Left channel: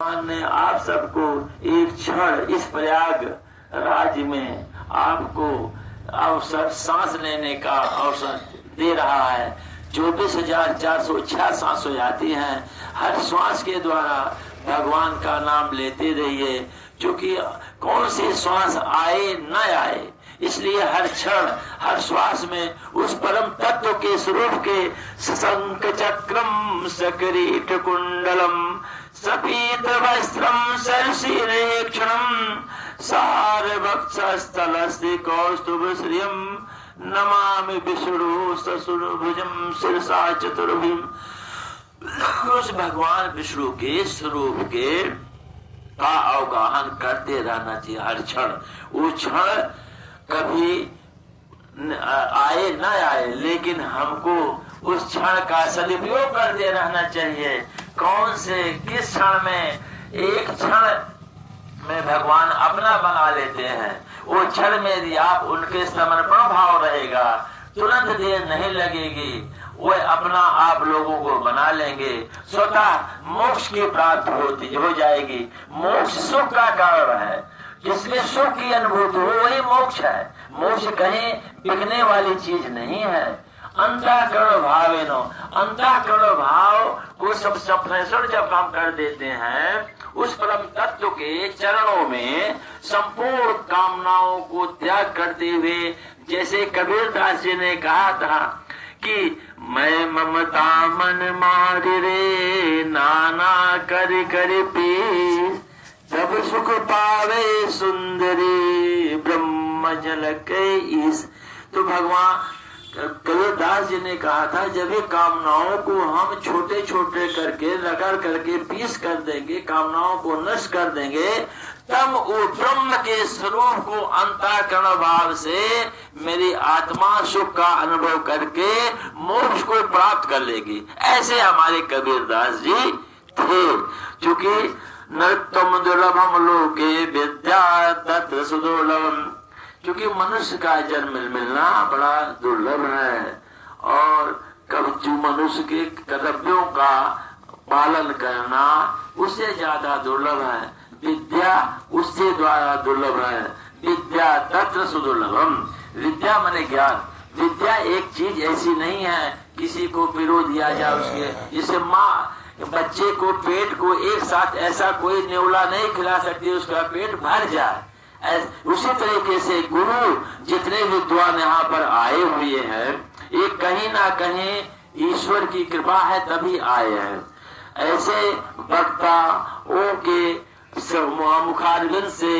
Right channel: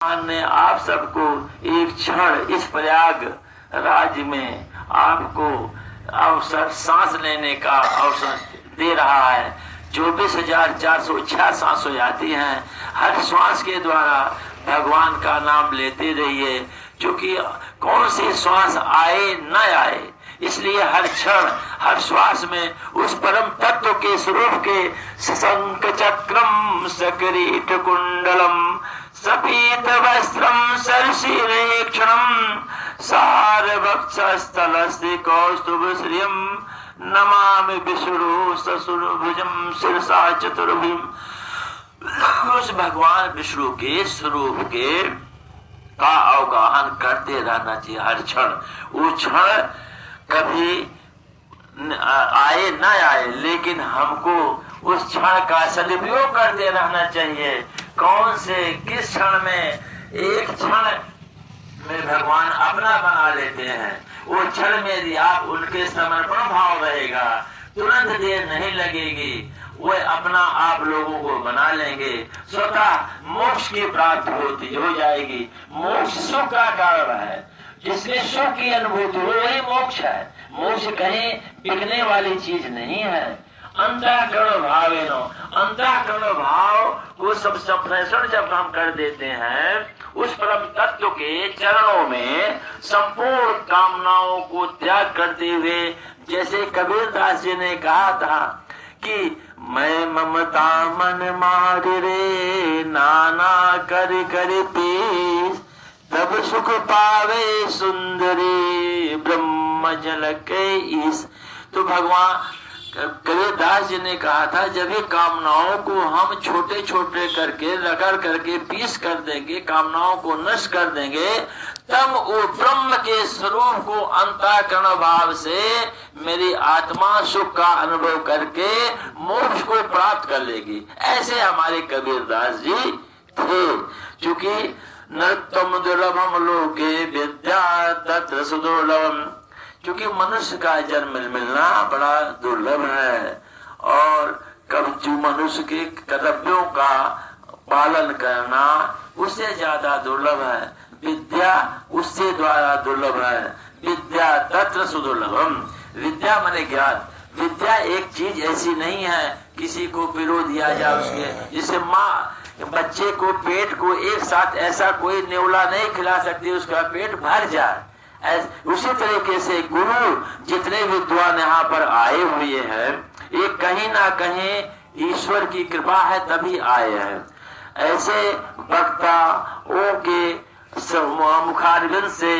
भगवान ने आप सबको एक क्षण इस प्रयाग राज्य में आपको अवसर सांस लेने का अवसर दे रहा है। 24,406 सांसें आती हैं। हर श्वास के द्वारा भगवान का नाम लेते रहिए, क्योंकि कौन सी श्वास आए न आए, इसलिए हर क्षण हर श्वास में उस परम तत्व के स्वरूप के शंख चक्रम सकरीट कुंडलम सपीत वस्त्रम सरसीरेक्षणम सारवक्षस्थलस्ति कौस्तुभ श्रियम नमामि विष्णु ससुरभुजम शिरसा चतुर्भुजम। उस भगवान विष्णु के स्वरूप के का अवगाहन करते रहना चाहिए हर क्षण। वो क्षण कभी आए न आए, लेकिन हमको उस क्षण का सदुपयोग करते रहना चाहिए। कौन से किस क्षण में एक क्षण में भगवान अपना बना लेते हैं, वो क्षण में यदि आप उनके समर्पण भाव रहेगा, तुरंत देर नहीं लगेगी, वो अपना आप लोगों को बना लेंगे। स्वतः मोक्ष की प्राप्ति हो जाएगी। मोक्ष सुख का कारण है, जिसमें सुख की अनुभूति हो वही मोक्ष है। मोक्ष कहीं बिकने वाली चीज नहीं है। अंतःकरण भावेनो, अंतःकरण भाव वो सब सप्रेषण जब हम कर देते हैं, उस परम तत्व के चरणों में संपूर्ण कामनाओं को त्याग करते हुए, जैसे कबीर दास जी ने कहा था कि मैं ममता मन मार रे नाना कर कर पीस, तब सुख पावे सुंदरी ब्रह्म जल के ईस। तो भगवान कबीरदास जी ने कहा था, जब ये कामनाओं को हम छोटे छोटे करके रगड़ करके पीस कर देंगे, कामनाओं को नष्ट कर देंगे, तब वो ब्रह्म के स्वरूप को अंतःकरण भाव से मेरी आत्मा सुख का अनुभव करके मोक्ष को प्राप्त कर लेगी। ऐसे हमारे कबीरदास जी थे। चूंकि नृत्यम दुर्लभम लोके विद्या तत्र सुदुर्लभम, क्योंकि मनुष्य का जन्म मिलना बड़ा दुर्लभ है, और कभी मनुष्य के कर्तव्यों का पालन करना उससे ज्यादा दुर्लभ है। विद्या उससे द्वारा दुर्लभ है। विद्या तत्र सुदुर्लभम, विद्या माने ज्ञान। विद्या एक चीज ऐसी नहीं है किसी को पिरो दिया जाए उसके, जिसे माँ बच्चे को पेट को एक साथ ऐसा कोई नेवला नहीं खिला सकती उसका पेट भर जाए। उसी तरीके से गुरु जितने विद्वान यहाँ पर आए हुए हैं, ये कहीं ना कहीं ईश्वर की कृपा है तभी आए हैं। ऐसे वक्ताओं के मुखारविंद से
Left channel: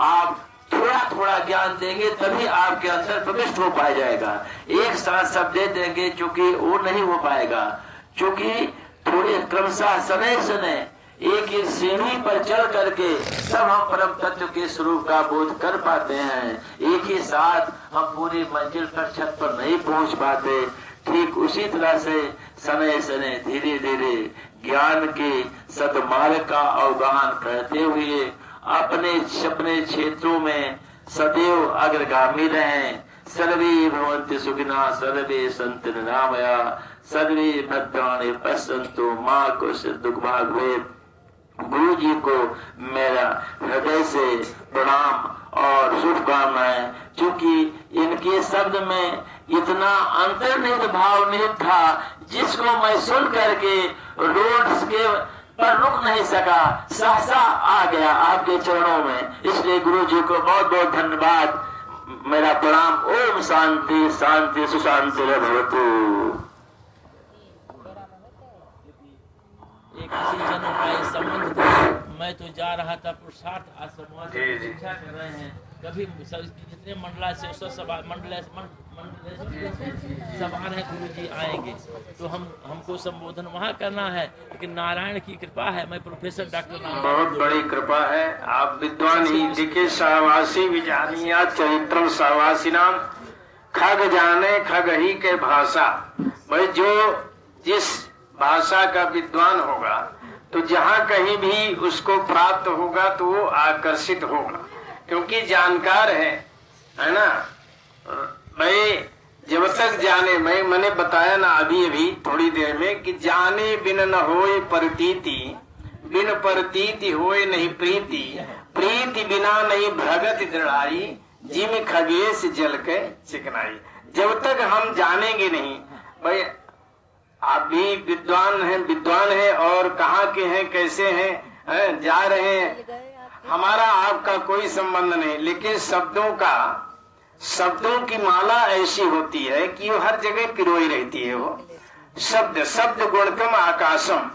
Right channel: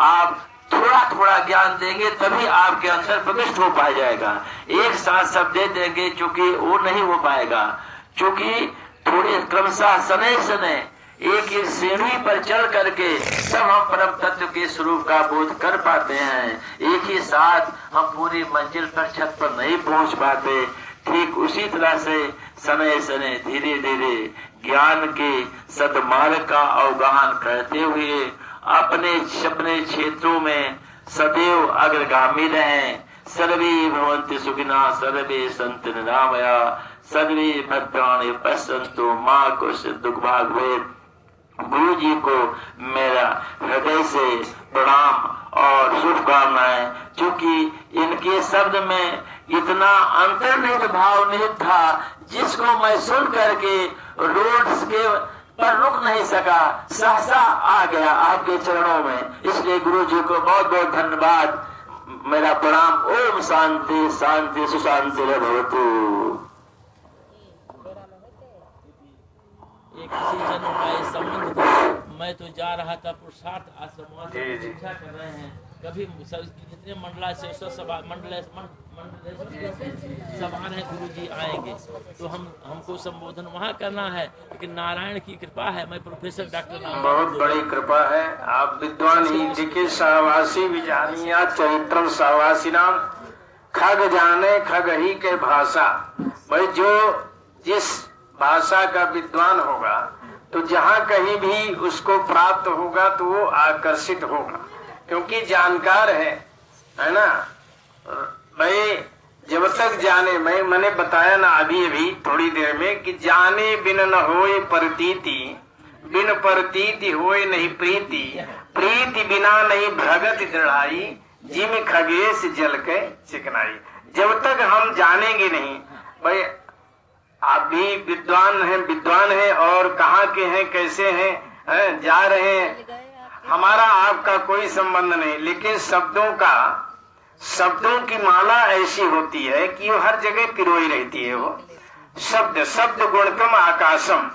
आप थोड़ा थोड़ा ज्ञान देंगे, तभी आपके अंदर प्रविष्ट हो पाया जाएगा। एक साथ सब दे देंगे क्योंकि वो नहीं हो पाएगा, क्योंकि थोड़े क्रमशः समय समय एक ही सीढ़ी पर चढ़ करके सब हम परम तत्व के स्वरूप का बोध कर पाते हैं। एक ही साथ हम पूरी मंजिल पर छत पर नहीं पहुंच पाते। ठीक उसी तरह से समय समय धीरे धीरे ज्ञान के सद्मार्ग का अवगाहन करते हुए अपने अपने क्षेत्रों में सदैव अग्रगामी रहें। सर्वे भवन्ति सुखिनः सर्वे सन्तु निरामया सर्वे भद्राणि पश्यन्तु मा कश्चित् दुःखभाग् भवेत्। गुरु जी को मेरा हृदय से प्रणाम और शुभकामनाएं, क्योंकि इनके शब्द में इतना अंतर्निहित भाव निहित था, जिसको मैं सुन करके रोड के पर रुक नहीं सका, सहसा आ गया आपके चरणों में। इसलिए गुरु जी को बहुत बहुत धन्यवाद, मेरा प्रणाम। ओम शांति शांति सुशांति भवतु। एक किसी जन्म का ये संबंध था। मैं तो जा रहा था पुरुषार्थ आश्रम, वहाँ से शिक्षा कर रहे हैं। कभी जितने मंडला से सभा है गुरु जी आएंगे तो हमको संबोधन वहाँ करना है, लेकिन नारायण की कृपा है। मैं प्रोफेसर डॉक्टर नाम, बहुत बड़ी कृपा है। आप विद्वान ही के सहवासी विजानिया चरित्रम सहवासी नाम, खग जाने खग ही के भाषा। भाई जो जिस भाषा का विद्वान होगा तो जहाँ कहीं भी उसको प्राप्त होगा तो वो आकर्षित होगा, क्योंकि जानकार है ना। भाई जब तक जाने, मैंने बताया ना अभी थोड़ी देर में कि जाने बिन न होए प्रतीति, बिन परतीति होए नहीं प्रीति, प्रीति बिना नहीं भगत दृढ़ाई, जिम खगेश जल के चिकनाई। जब तक हम जानेंगे नहीं, भाई आप भी विद्वान हैं और कहाँ के हैं, कैसे हैं, जा रहे हैं, हमारा आपका कोई संबंध नहीं, लेकिन शब्दों की माला ऐसी होती है कि वो हर जगह पिरोई रहती है। वो शब्द गुणकम आकाशम,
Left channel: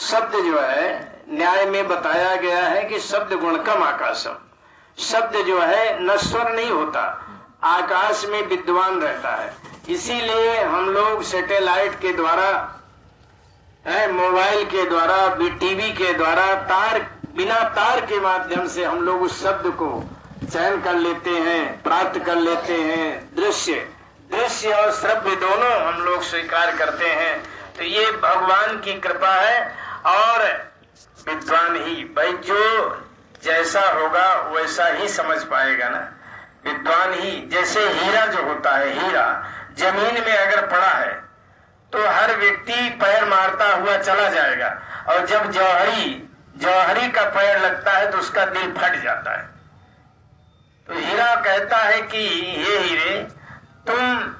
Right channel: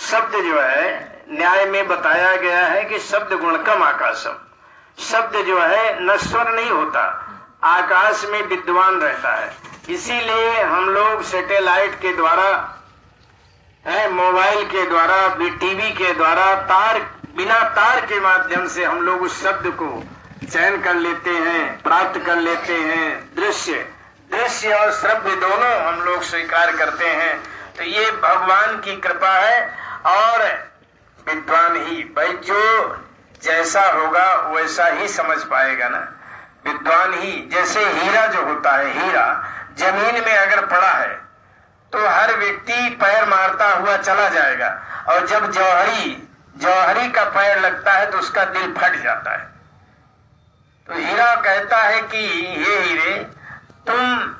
शब्द जो है न्याय में बताया गया है कि शब्द गुणकम आकाशम, शब्द जो है नश्वर नहीं होता, आकाश में विद्वान रहता है। इसीलिए हम लोग सैटेलाइट के द्वारा, मोबाइल के द्वारा, टीवी के द्वारा, बिना तार के माध्यम से हम लोग उस शब्द को चयन कर लेते हैं, प्राप्त कर लेते हैं। दृश्य और श्रव्य दोनों हम लोग स्वीकार करते हैं। तो ये भगवान की कृपा है। और विद्वान ही, भाई जो जैसा होगा वैसा ही समझ पाएगा ना। विद्वान ही, जैसे हीरा जो होता है, हीरा जमीन में अगर पड़ा है तो हर व्यक्ति पैर मारता हुआ चला जाएगा, और जब जौहरी का पैर लगता है तो उसका दिल फट जाता है। तो हीरा कहता है कि ये हीरे, तुम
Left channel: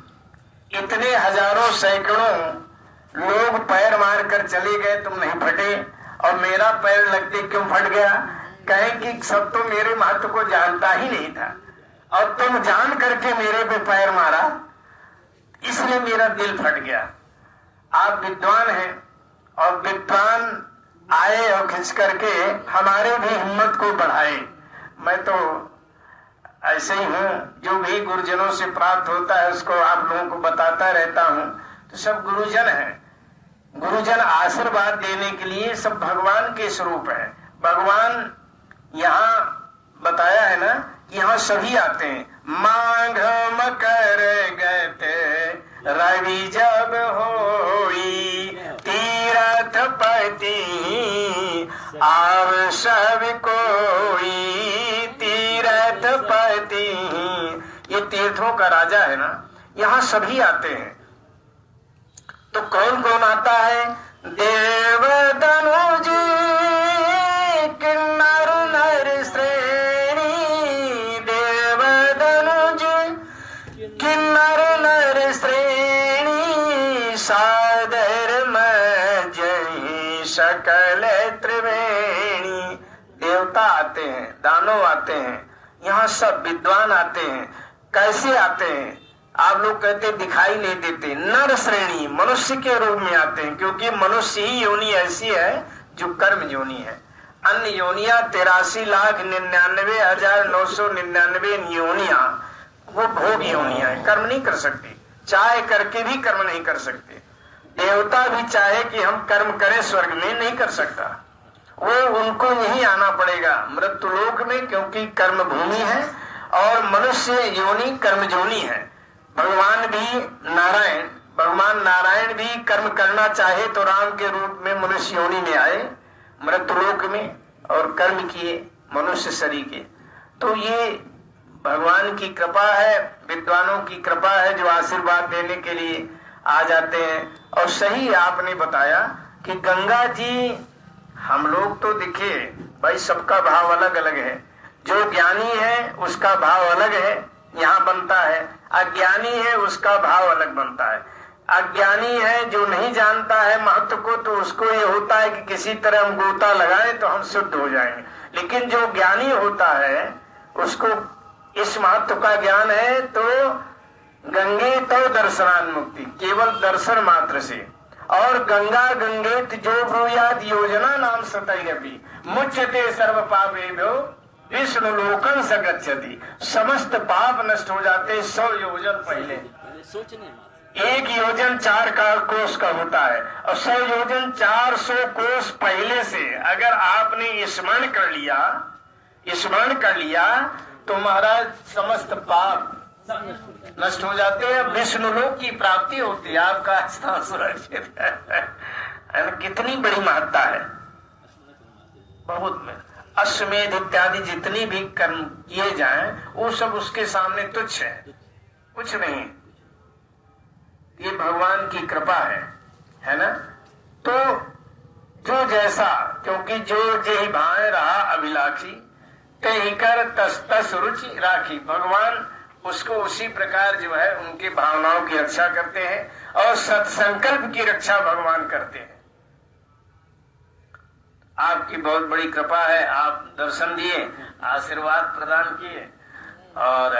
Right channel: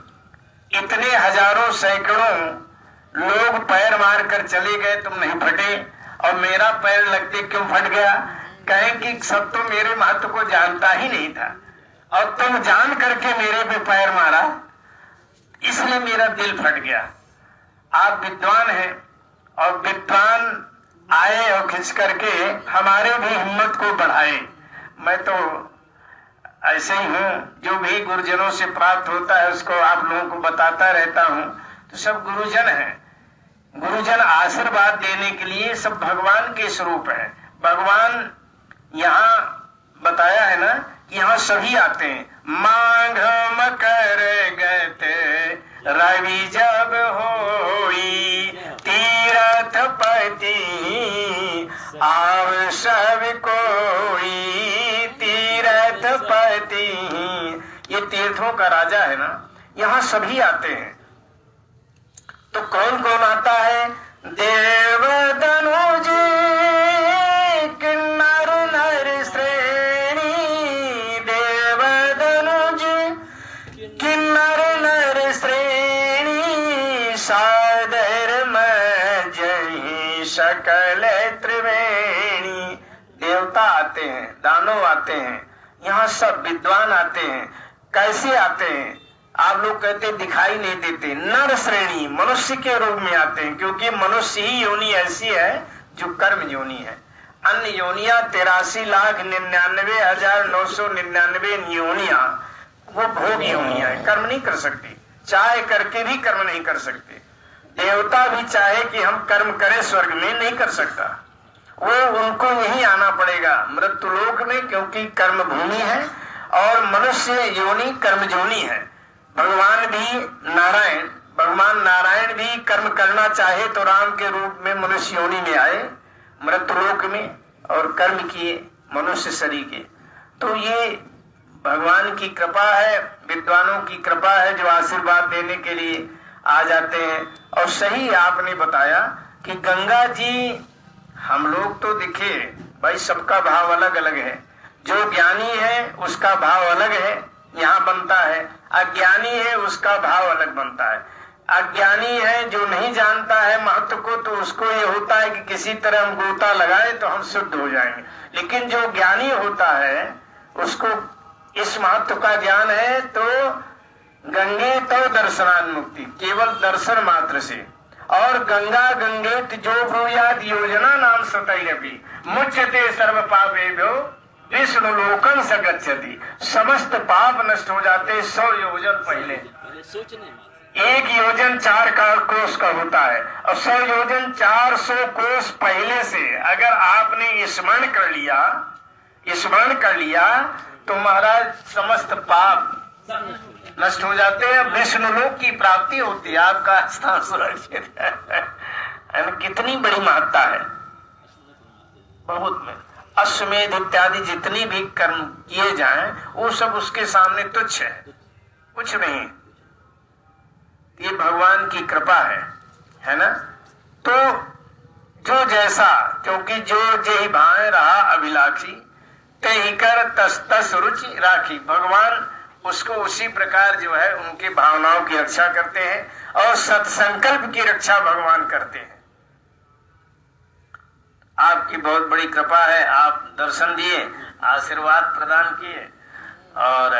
इतने हजारों सैकड़ों लोग पैर मार कर चले गए, तुम नहीं फटे, और मेरा पैर लगते क्यों फट गया? कहें कि सब तो मेरे महत्व को जानता ही नहीं था, और तुम जान करके मेरे को पैर मारा, इसलिए मेरा दिल फट गया। आप विद्वान हैं, और विद्वान आए और खिंच करके हमारे भी हिम्मत को बढ़ाए। मैं तो ऐसे ही हूँ, जो भी गुरुजनों से प्राप्त होता है उसको आप लोगों को बताता रहता हूँ। तो सब गुरुजन हैं, गुरुजन आशीर्वाद देने के लिए सब भगवान के स्वरूप है। भगवान यहाँ बताया है ना, यहाँ सभी आते हैं। माघ मकर गते रवि जब होई, तीरथ पति आव सब कोई, तीरथ पति। ये तीर्थों का राजा है ना, यहाँ सभी आते हैं। तो कौन कौन आता है? देव धनुज किन्नर नर श्रेणी, देव धनुज किन्नर नर श्रेणी, सादर में जय सकल त्रिवेणी। देवता आते हैं, दानव आते हैं, यहाँ सब विद्वान आते हैं। कैसे आते हैं? आप लोग कहते दिखाई नहीं देते। नर श्रेणी, मनुष्य के रूप में आते हैं, क्योंकि मनुष्य ही योनि ऐसी है जो कर्म योनि है। अन्य योनिया 83,99,999 योनिया वो भोग योनिया है, कर्म नहीं कर सकती, चाहे करके भी कर्म नहीं कर सकते। देवता भी चाहे कि हम कर्म करें स्वर्ग में, नहीं कर सकता, वो उनको यही आना पड़ेगा मृत्युलोक में, क्योंकि कर्म भूमि है और मनुष्य योनि कर्म योनि है। भगवान नारायण भी कर्म करना चाहे तो राम के रूप में मनुष्य योनि में आए मृत्युलोक में, और कर्म किए मनुष्य शरीर के। तो ये भगवान की कृपा है, विद्वानों की कृपा है, जो आशीर्वाद देने के लिए आ जाते हैं। और सही आपने बताया कि गंगा जी, हम लोग तो दिखे भाई, सबका भाव अलग अलग है। जो ज्ञानी है उसका भाव अलग है, यहाँ बनता है। अज्ञानी है उसका भाव अलग बनता है। अज्ञानी है जो नहीं जानता है महत्व को, तो उसको ये होता है कि किसी तरह हम गोता लगाएं तो हम शुद्ध हो जाएंगे। लेकिन जो ज्ञानी होता है उसको इस महत्व का ज्ञान है, तो गंगे तो दर्शनान मुक्ति, केवल दर्शन मात्र से। और गंगा गंगेत जो ब्रूयाद योजना नाम सतैरपि मुच्यते सर्व पापेभ्यो विष्णु लोकं स गच्छति। समस्त पाप नष्ट हो जाते 100 योजन पहले। एक योजन 4 कोस का होता है, और 100 योजन 400 कोस पहले से अगर आपने स्मरण कर लिया तो महाराज समस्त पाप नष्ट हो जाते हैं, विष्णु लोक की प्राप्ति होती है, आपका स्थान सुरक्षित। कितनी बड़ी महत्ता है, बहुत में। अश्वमेध इत्यादि जितनी भी कर्म किए जाएं वो सब उसके सामने तुच्छ है, कुछ नहीं। ये भगवान की कृपा है ना। तो जो जैसा, क्योंकि जो जेहि भाए रहा अभिलाषी, ते ही कर तस तस रुचि राखी। भगवान उसको उसी प्रकार जो है उनकी भावनाओं की रक्षा करते हैं और सत्संकल्प की रक्षा भगवान करते हैं। आपकी बहुत बड़ी कृपा है, आप दर्शन दिए, आशीर्वाद प्रदान किए और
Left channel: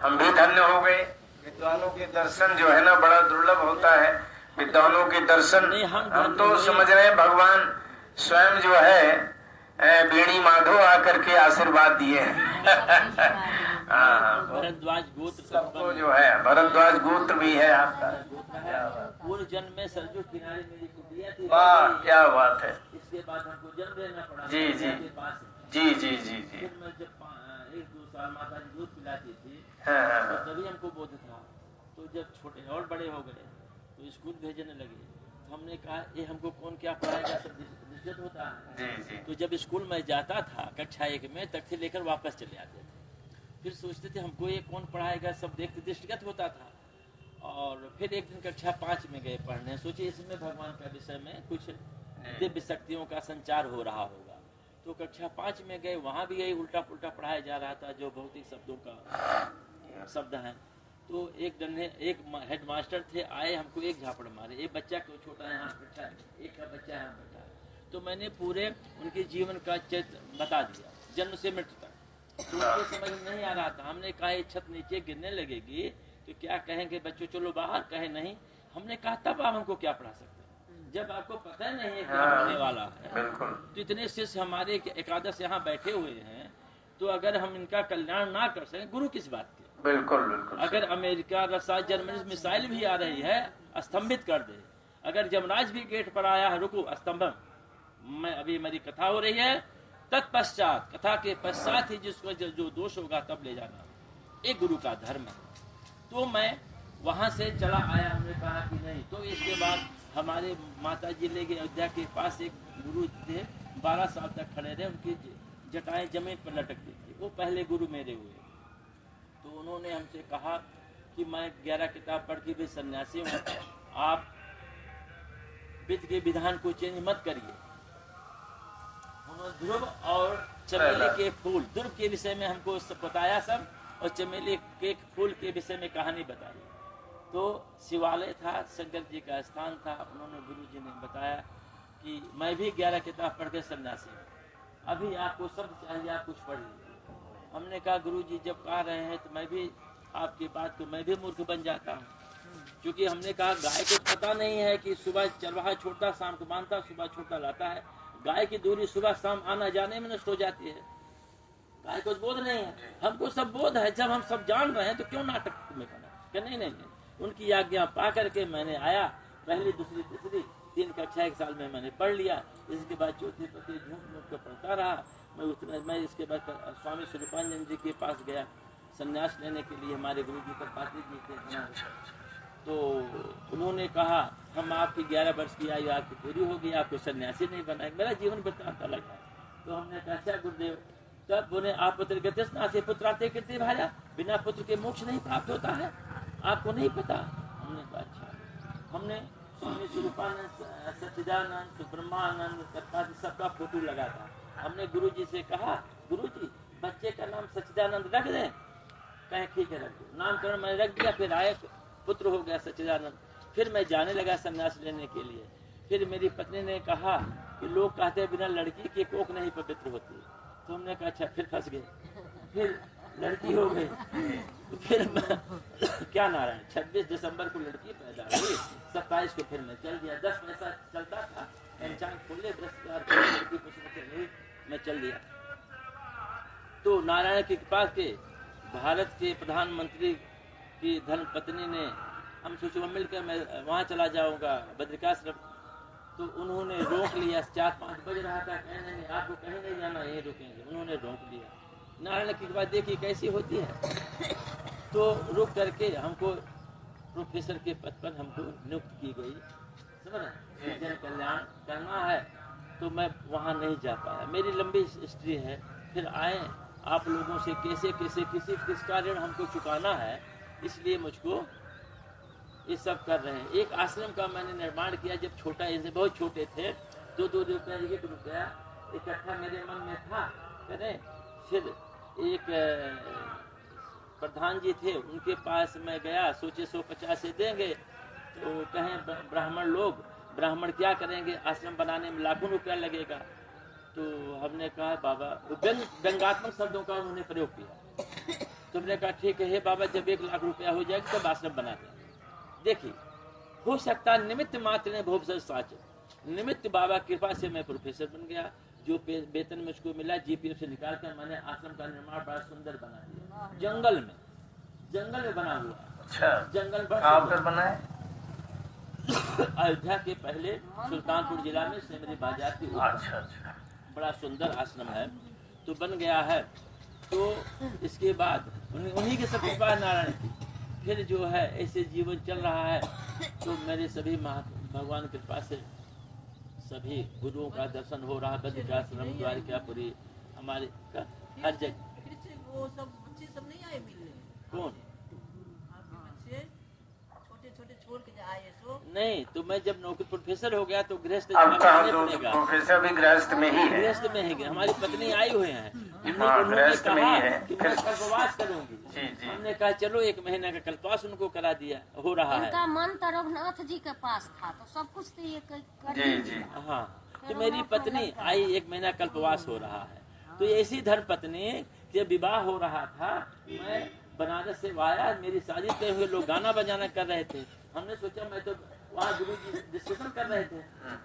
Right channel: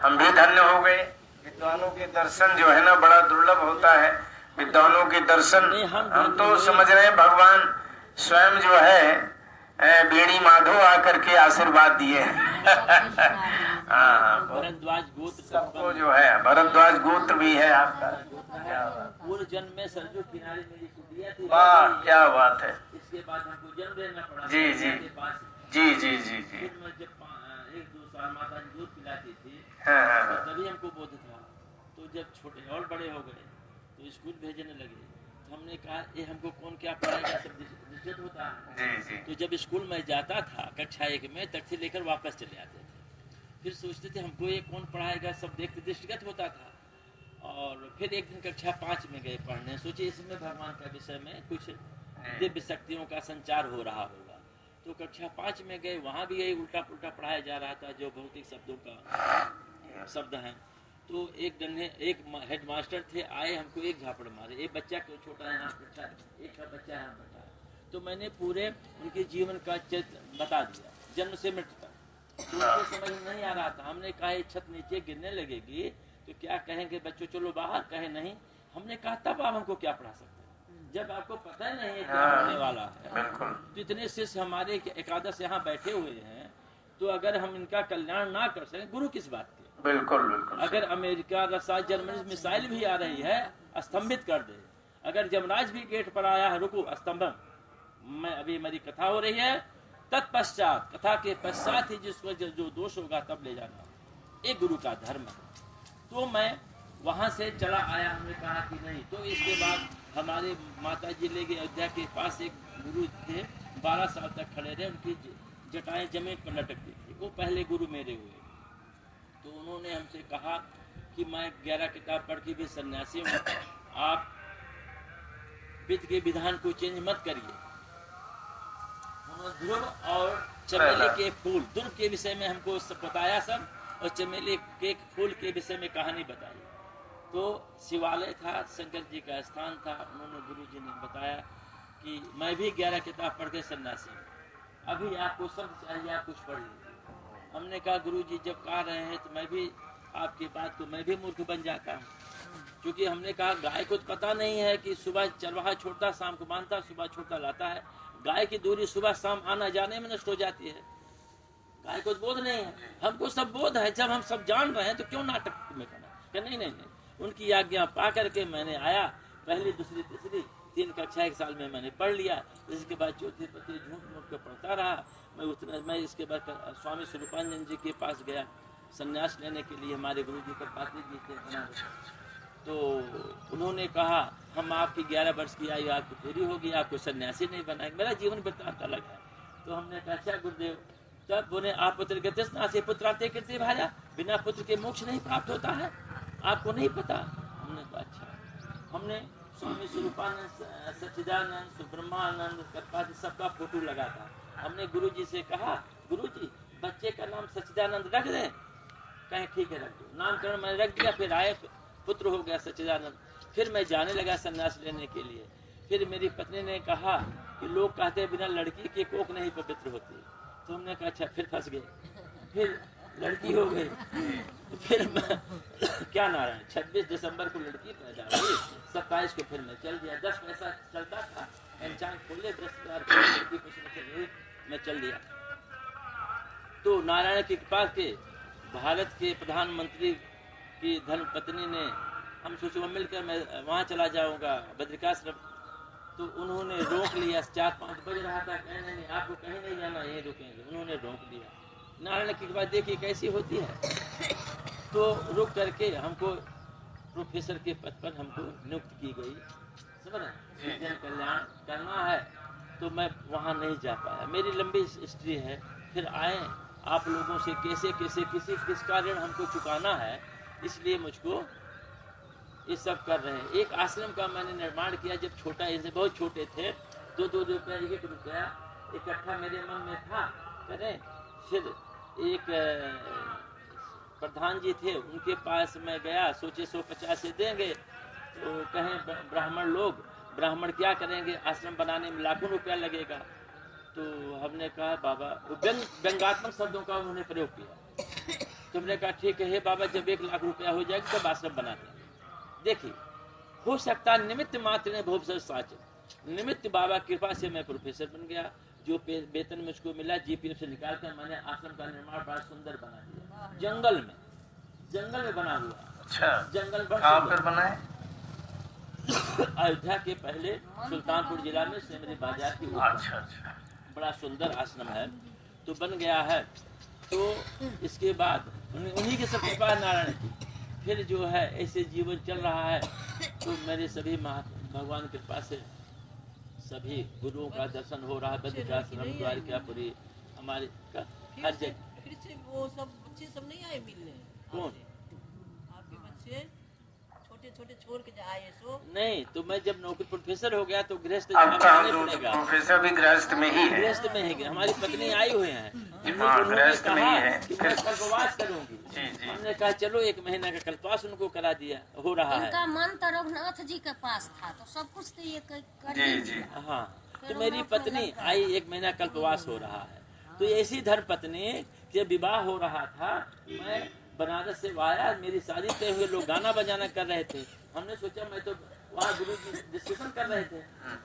हम भी धन्य हो गए। विद्वानों के दर्शन जो है ना बड़ा दुर्लभ होता है। विद्वानों के दर्शन हम तो समझ रहे हैं भगवान स्वयं जो है बेड़ी माधो आकर के आशीर्वाद दिए हैं। भरद्वाज गोत्र सबको जो है, भरद्वाज गोत्र भी है आपका। पूर्व जन्म में सरजू किनारे मेरी कुटिया थी। वाह, क्या बात है। इसके बाद हमको जन्म लेना पड़ा जी जी के पास। जी जी जी जी। फिर मैं जब 1-2 साल माता जी दूध पिलाती थी हाँ, तो तभी हमको बोध था। तो जब छोटे और बड़े हो गए तो स्कूल भेजने लगे तो हमने कहा ये हमको कौन क्या पढ़ाएगा, सब दिक्कत होता है। जी जी। तो जब स्कूल में जाता था कक्षा 1 में तख्ती लेकर वापस चले आते थे। फिर सोचते थे हमको ये कौन पढ़ाएगा, सब देखते दृष्टिगत होता था। और फिर एक दिन कक्षा 5 में गए पढ़ने, सोचे इसमें भगवान का विषय में कुछ दिव्य शक्तियों का संचार हो रहा होगा। तो कक्षा 5 में गए, वहाँ भी यही उल्टा पुल्टा पढ़ाया जा रहा था जो भौतिक शब्दों का शब्द है। तो एक हेड मास्टर थे, आए हमको एक झापड़ मारे। एक बच्चा क्यों छोटा है यहाँ बैठा है, एक का बच्चा यहाँ बैठा है। तो मैंने पूरे उनके जीवन का चित्र बता दिया जन्म से मृत्यु तक। तो उनको समझ में नहीं आ रहा था। हमने कहा ये छत नीचे गिरने लगेगी तो क्या कहेंगे बच्चों, चलो बाहर, कहे नहीं। हमने कहा तब आप हमको क्या पढ़ा सकते हैं जब आपको पता नहीं है क्या होने वाला है। तो इतने शिष्य हमारे एकादश यहाँ बैठे हुए हैं, तो अगर हम इनका कल्याण ना कर सकें, गुरु किस बात के। बिल्कुल बिल्कुल। अगर अमेरिका, रसा, जर्मनी मिसाइल भी आ रही है, स्तंभित कर दे। अगर जमराज भी गेट पर आया है, रुको स्तंभम, मैं अभी मेरी कथा हो रही है, तत्पश्चात, कथा के पश्चात ही जिसको जो दोष होगा तब ले जाना, एक गुरु का धर्म है। तो मैं वहां से चला आया। हमने कहा कि नहीं। तो इसके बाद हमारे माता जी ले गए अयोध्या के पास, एक गुरु थे 12 साल तक खड़े रहे, उनकी जटाएं जमीन पर लटकती थी। वो पहले गुरु मेरे हुए। तो उन्होंने हमसे कहा कि मैं 11 किताब पढ़ के भी सन्यासी हूँ, आप वित्त के विधान को चेंज मत करिए। उन्होंने ध्रुव और चमेली के फूल, ध्रुव के विषय में हमको सब बताया सब, और चमेली के फूल के विषय में कहानी बताई। तो शिवालय था, शंकर जी का स्थान था। उन्होंने गुरु जी ने बताया कि मैं भी 11 किताब पढ़ के सन्यासी हूँ, अभी आपको शब्द चाहिए, आप कुछ पढ़ लीजिए। हमने कहा गुरु जी जब कह रहे हैं तो मैं भी आपकी बात को मैं भी मूर्ख बन जाता हूँ, क्योंकि हमने कहा गाय को पता नहीं है कि सुबह चरवाहा छोड़ता शाम को बांधता, सुबह छोड़ता लाता है। गाय की दूरी सुबह शाम आना जाने में नष्ट हो जाती है। गाय को बोध नहीं है, हमको सब बोध है। जब हम सब जान रहे हैं तो क्यों नाटक में पड़े। नहीं नहीं नहीं, उनकी आज्ञा पा करके मैंने आया। पहली, दूसरी, तीसरी 3 कक्षा 1 साल में मैंने पढ़ लिया। इसके बाद चौथी पति झूठ मूठ के पढ़ता रहा। मैं इसके बाद स्वामी स्वरूपानंद जी के पास गया संन्यास लेने के लिए। हमारे गुरु जी पात्री जी थे बनारस। तो उन्होंने कहा हम आपकी 11 वर्ष की आयु आपकी पूरी होगी, आपको सन्यासी नहीं बनाएंगे। मेरा जीवन वृत्तांत अलग है। तो हमने कहा अच्छा गुरुदेव, तब बोले आप पुत्र गतिस्नासी पुत्राते कृत्य भाजा, बिना पुत्र के मोक्ष नहीं प्राप्त होता है, आपको नहीं पता। हमने कहा अच्छा। हमने स्वामी स्वरूपानंद, सच्चिदानंद, ब्रह्मानंद, कृपाजी सबका फोटो लगा था। हमने गुरु जी से कहा गुरु जी बच्चे का नाम सच्चिदानंद रख दें। कहें ठीक है रख दो। नामकरण मैंने रख दिया। फिर आए, पुत्र हो गया सच्चिदानंद। फिर मैं जाने लगा सन्यास लेने के लिए। फिर मेरी पत्नी ने कहा कि लोग कहते हैं बिना लड़की के कोख नहीं पवित्र होती। तो हमने कहा अच्छा, फिर फंस गए। फिर लड़की हो गई। फिर मैं क्या नारायण 26 दिसंबर को लड़की पैदा हुई, 27 को फिर मैं चल दिया। 10 पैसा चलता था, पंचांग खोले, बृहस्पतिवार को लड़की पुष्प हुई, मैं चल दिया। तो नारायण की कृपा के भारत के प्रधानमंत्री की धर्म पत्नी ने, हम सोचे मिलकर मैं वहाँ चला जाऊंगा बद्रिकाश्रम। तो उन्होंने रोक लिया। 4-5 बज रहा था, कहने नहीं आपको कहीं नहीं जाना, यहीं रुकेंगे। उन्होंने रोक लिया। नारायण की कृपा देखिए कैसी होती है। तो रुक करके हमको प्रोफेसर के पद पर हमको नियुक्त की गई। समझ रहे, जन कल्याण करना है। तो मैं वहाँ नहीं जा पाया। मेरी लंबी हिस्ट्री है। फिर आए आप लोगों से कैसे कैसे किसका ऋण हमको चुकाना है, इसलिए मुझको ये सब कर रहे हैं। एक आश्रम का मैंने निर्माण किया जब छोटा, इनसे बहुत छोटे थे, 2 रुपया 1 रुपया इकट्ठा मेरे मन में था करें। फिर एक प्रधान जी थे, उनके पास मैं गया, सोचे 150 से देंगे, तो कहें ब्राह्मण क्या करेंगे, आश्रम बनाने में लाखों रुपया लगेगा। तो हमने कहा बाबा, व्यंगात्मक शब्दों का उन्होंने प्रयोग किया। तो हमने कहा ठीक है बाबा, जब 1 लाख रुपया हो जाएगा तब आश्रम बना देंगे। देखिए, हो सकता निमित्त मात्र ने भोग साच, निमित्त बाबा कृपा से मैं प्रोफेसर बन गया। जो वेतन मुझको मिला जीपीएफ से निकालकर मैंने आश्रम का निर्माण बड़ा सुंदर बना दिया, जंगल में बना हुआ। अच्छा, जंगल कहाँ पर बना है? अयोध्या के पहले सुल्तानपुर जिला में सेमरी बाजार की ऊपर। अच्छा अच्छा, बड़ा सुंदर आश्रम है, तो बन गया है। तो इसके बाद उन्हीं के सब कृपा नारायण की, फिर जो है ऐसे जीवन चल रहा है। तो मेरे सभी भगवान की कृपा से सभी गुरुओं का दर्शन हो रहा है, बद्रिकाश्रम, द्वारिकापुरी, हमारे हर जगह। वो सब बच्चे सब नहीं आए मिलने? कौन? आपके बच्चे छोटे छोड़ के आए सो? नहीं, तो मैं जब नौकरी प्रोफेसर हो गया तो गृहस्थ अब जाने पड़ेगा। प्रोफेसर भी गृहस्थ में ही है। गृहस्थ में है। हमारी पत्नी आई हुए हैं, उन्होंने कहा कि मैं कल्पवास करूंगी। हमने कहा चलो 1 महीना का कल्पवास उनको करा दिया, हो रहा है। उनका मन तो रघुनाथ जी के पास था, तो सब कुछ तो ये जी। हाँ, तो मेरी पत्नी आई, 1 महीना कल्पवास हो रहा है। तो ऐसी धर्म पत्नी जब विवाह हो रहा था, मैं बनारस से आया, मेरी शादी तय हुए, लोग गाना बजाना कर रहे थे। हमने सोचा, मैं तो वहाँ गुरुजी डिस्कशन कर रहे थे,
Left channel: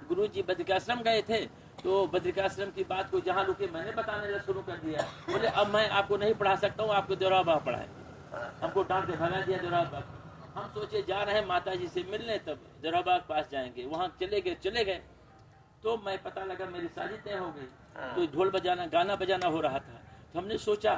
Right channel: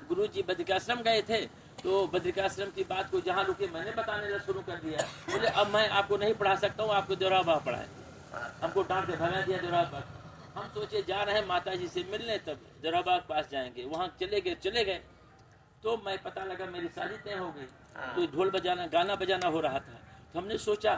गुरुजी बद्रिकाश्रम गए थे, तो बद्रिकाश्रम की बात को जहाँ रुके मैंने बताने शुरू कर दिया। बोले अब मैं आपको नहीं पढ़ा सकता हूँ, आपको देवरा बाबा पढ़ाएंगे। हमको डांट के भगा दिया देवरा बाबा। हम सोचे जा रहे हैं माता जी से मिलने, तब देवरा बाबा के पास जाएंगे। वहाँ चले गए। तो मैं पता लगा मेरी शादी तय हो गई। तो ढोल बजाना, गाना बजाना हो रहा था। तो हमने सोचा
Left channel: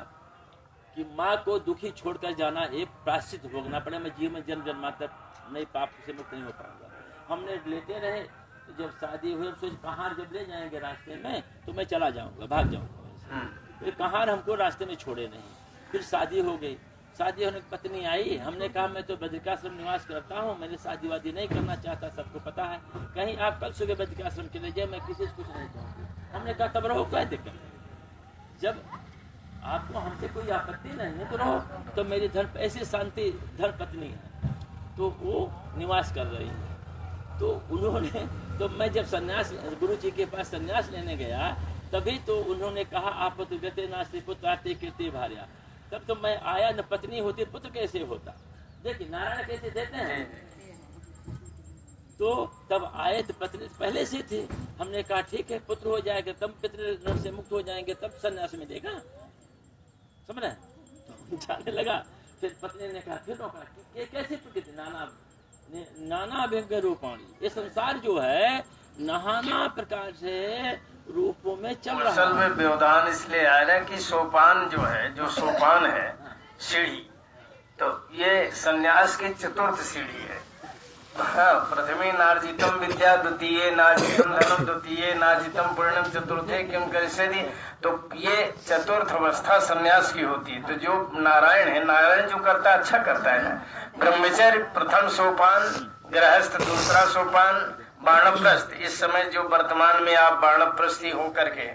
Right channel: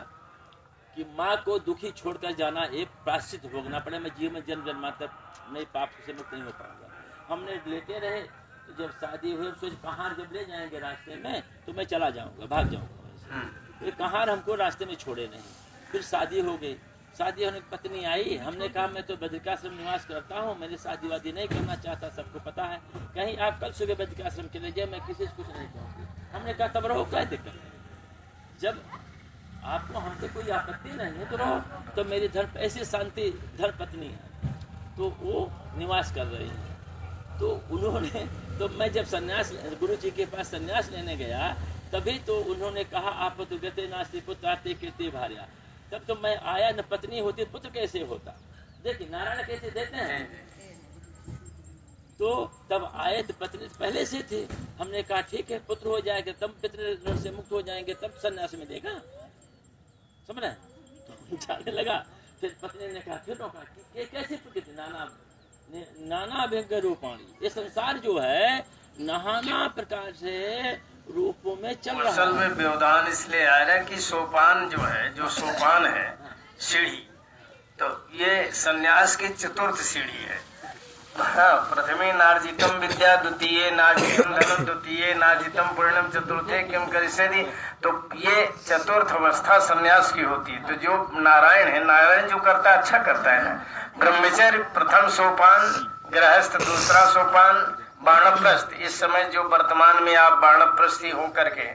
कि माँ को दुखी छोड़कर जाना, एक प्रायश्चित भोगना पड़े। मैं जीवन जन्म जन्मांतर नहीं, पाप से मुक्त नहीं हो पाऊंगा। हमने लेते रहे। तो जब शादी हुई, सोच कहार जब ले जाएंगे रास्ते में तो मैं चला जाऊंगा, भाग जाऊंगा वैसे। तो कहार हमको रास्ते में छोड़े नहीं। फिर शादी हो गई। शादी होने की पत्नी आई। हमने कहा मैं तो बद्रिकाश्रम निवास करता हूँ, मैंने शादी वादी नहीं करना चाहता, सबको पता है। कहीं आप कल सुबह बद्रिकाश्रम चले जाए, मैं किसी से कुछ नहीं कहूँगी। हमने कहा तब रहो, क्या दिक्कत है, जब आपको हमसे कोई आपत्ति नहीं है तो रहो। तो मेरी ऐसी शांति धर्म पत्नी है, तो वो निवास कर रही है। तो उन्होंने, तो मैं जब सन्यास गुरु जी के पास सन्यास लेने गया, तभी तो उन्होंने कहा आप तो गते नास्ति पुत्रार्थे कीर्ति भार्या। तब तो मैं आया, न पत्नी होती पुत्र कैसे होता। देखिए नारायण कैसे देते हैं। तो तब आए तो पत्नी पहले से थी। हमने कहा ठीक है, पुत्र हो जाएगा तब पितृ से मुक्त हो जाएंगे, तब सन्यास में देगा, समझ रहे। तो जाने लगा। फिर पत्नी ने कहा, फिर रोका कि कैसे प्रकृति नाना व्यंग रूपाणी, ये संसार जो है नाना प्रकार से रूपों में चल रहा है। असल में व्यवधान इसलिए आ रहा है कि सोपान जो है, जो सोपान है सीढ़ी, तो ये सन्यास की 4th सीढ़ी है। हाँ, प्रथमे नार्जितम विद्या, द्वितीय नार्जितम धनम, द्वितीय नार्जितम पूर्णम, चतुर्थे किम करिष्यति। तो ये 4th अवस्था सन्यास की होती है। तो जो नारायण है, नारायण जो करता है अच्छा करता है ना। ब्रह्मचर्य प्रथम सोपान, गृहस्थ दूसरा सोपान, वानप्रस्थ इस समय जो वर्तमान में आप वानप्रस्थी हो करके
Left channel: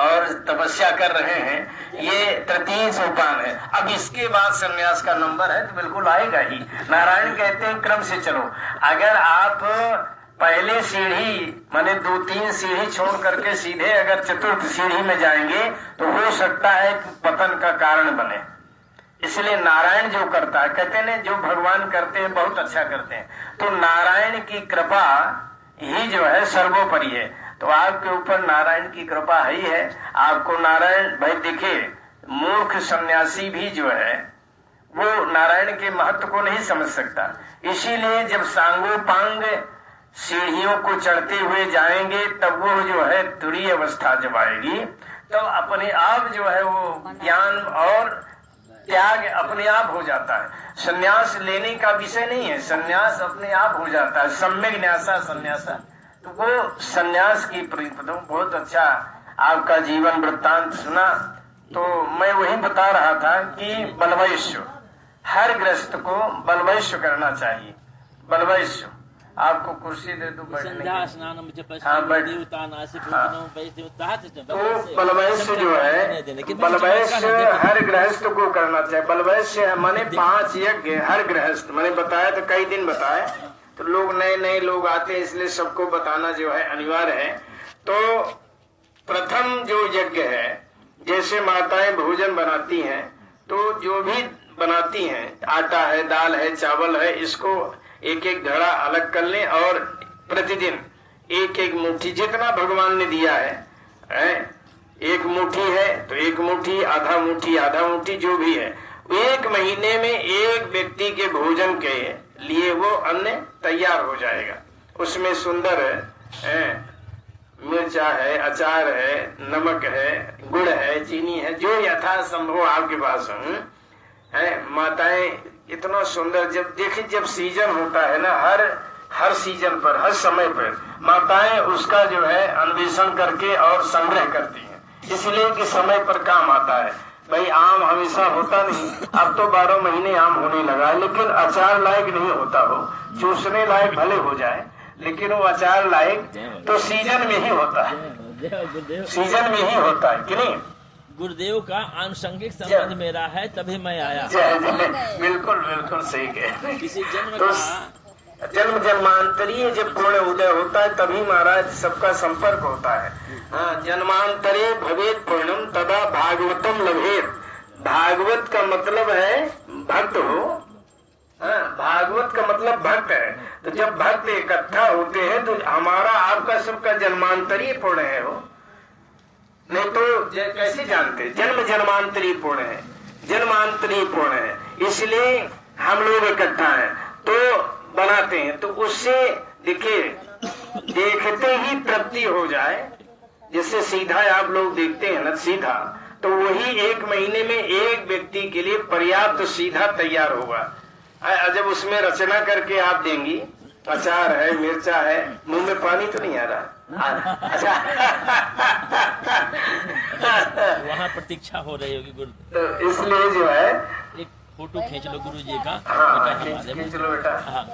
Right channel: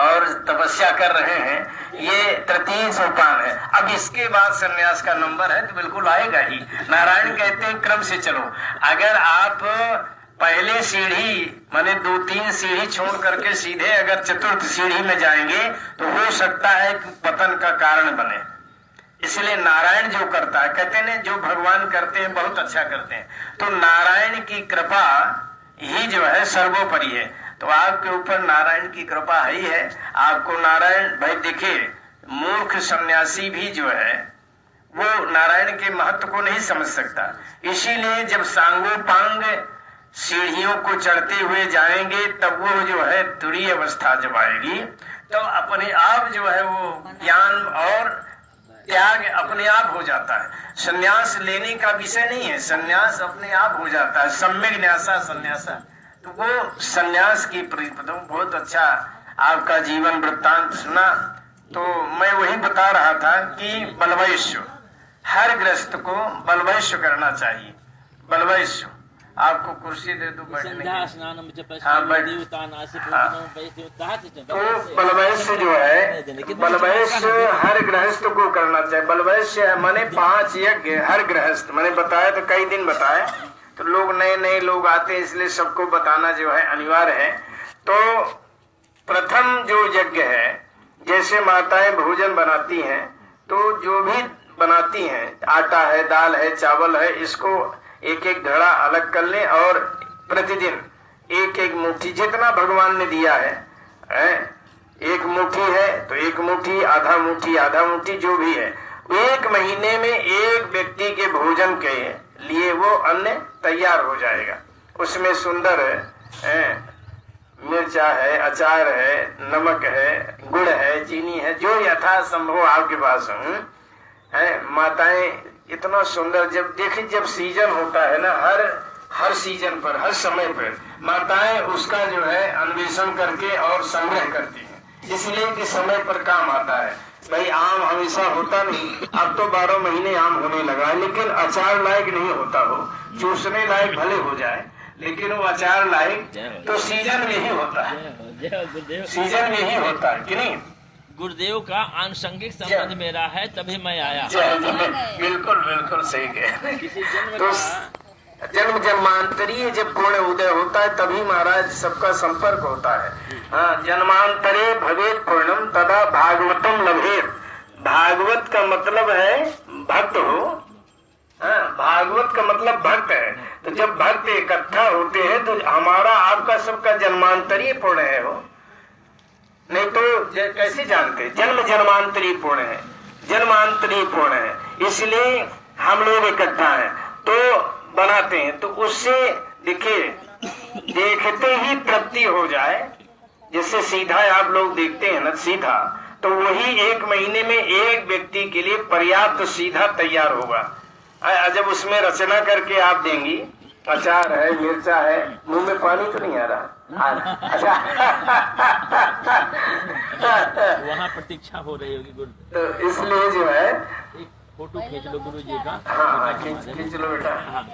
और तपस्या कर रहे हैं, ये 3 सोपान है। अब इसके बाद सन्यास का नंबर है तो बिल्कुल आएगा ही। नारायण कहते हैं क्रम से चलो। अगर आप पहले सीढ़ी माने 2-3 सीढ़ी छोड़ करके सीधे अगर 4th सीढ़ी में जाएंगे तो हो सकता है कि पतन का कारण बने। इसलिए नारायण जो करता है, कहते हैं जो भगवान करते हैं बहुत अच्छा करते हैं। तो नारायण की कृपा ही जो है सर्वोपरि है। तो आपके ऊपर नारायण की कृपा ही है। आपको नारायण, भाई देखिए, मूर्ख सन्यासी भी जो है वो नारायण के महत्व को नहीं समझ सकता। इसीलिए जब सांगोपांग सीढ़ियों को चढ़ते हुए जाएंगे तब वो जो है तुरीय अवस्था जब आएगी तो अपने आप जो है वो ज्ञान और त्याग अपने आप हो जाता है। संन्यास लेने का विषय नहीं है, संन्यास अपने आप हो जाता है। सम्यक न्यासा संन्यासा। तो वो संन्यास की बहुत अच्छा आपका जीवन वृत्तांत सुना। तो मैं वही बता रहा था कि बलवैश्य, हर ग्रस्त को बलवैश्य करना चाहिए। बलवैश्य आपको कुर्सी दे दूं बैठने संध्या की। स्नानम हाँ, जपस्ति बैठ- देवता नासि भोजनम वैसे उताहत च तो बलवैश्य जो है, बलवैश्य हर गृहस्थ को करना चाहिए। बलवैश्य माने 5 यज्ञ हर गृहस्थ, मैंने बताया तो कई दिन बताए, तो लोग नए लोग आते हैं इसलिए सबको बताना जो है अनिवार्य है। तो प्रथम जो यज्ञ है, जैसे माताएं भोजन बनाती हैं तो जो भी बनाती हैं, आटा है, दाल है, चावल है, इसको एक एक घड़ा अलग कर लें और प्रतिदिन एक एक मुट्ठी जितना भगवान ने दिया है, एक मुट्ठी है तो एक मुट्ठी, आधा मुट्ठी जो भी है, 1 महीने में एक व्यक्ति के भोजन के लिए वो अन्न तैयार हो जाएगा। उसमें सुंदर है, मिर्चा है, अचार है, नमक है, गुड़ है, चीनी है, जो यथा संभव आपके पास है। माताएं इतना सुंदर, जब सीजन होता है ना, हर सीजन पर, हर समय पर माताएं उसका जो है अन्वेषण करके और संग्रह करती हैं, इसलिए कि समय पर काम आता है। भाई आम हमेशा होता नहीं, अब तो 12 महीने आम होने लगा है, लेकिन अचार लायक नहीं होता हो, चूसने लायक भले हो जाए, लेकिन वो अचार लायक तो सीजन में ही होता है, सीजन में ही होता है कि नहीं। गुरुदेव का आनुषंगिक संबंध मेरा है, तभी मैं आया। बिल्कुल सही कहे। किसी जन्म तो का जन्म जन्मांतरीय जब पूर्ण उदय होता है तभी महाराज सबका संपर्क होता है। हाँ, जन्मांतरे भवेत पूर्णम तदा भागवतम लभेत। भागवत का मतलब है भक्त हो, भागवत का मतलब भक्त है। तो जब भक्त इकट्ठा होते हैं तो हमारा आपका सबका जन्मांतरीय पूर्ण है हो, नहीं तो कैसे जानते, जन्म जन्मांतरी पूर्ण है, जन्मांतरी पूर्ण है, इसलिए हम लोग इकट्ठा हैं तो बनाते हैं। तो उससे देखिए, देखते ही तृप्ति हो जाए, जिससे सीधा आप लोग देखते हैं ना सीधा, तो वही 1 महीने में एक व्यक्ति के लिए पर्याप्त सीधा तैयार होगा। जब उसमें रचना करके आप देंगी, अचार है, मिर्चा है, मुंह में पानी तो नहीं आ रहा? अच्छा वहाँ प्रतीक्षा हो रही होगी गुरु, तो इसलिए जो है एक फोटो खींच लो गुरु जी का। हाँ खींच लो बेटा। हाँ।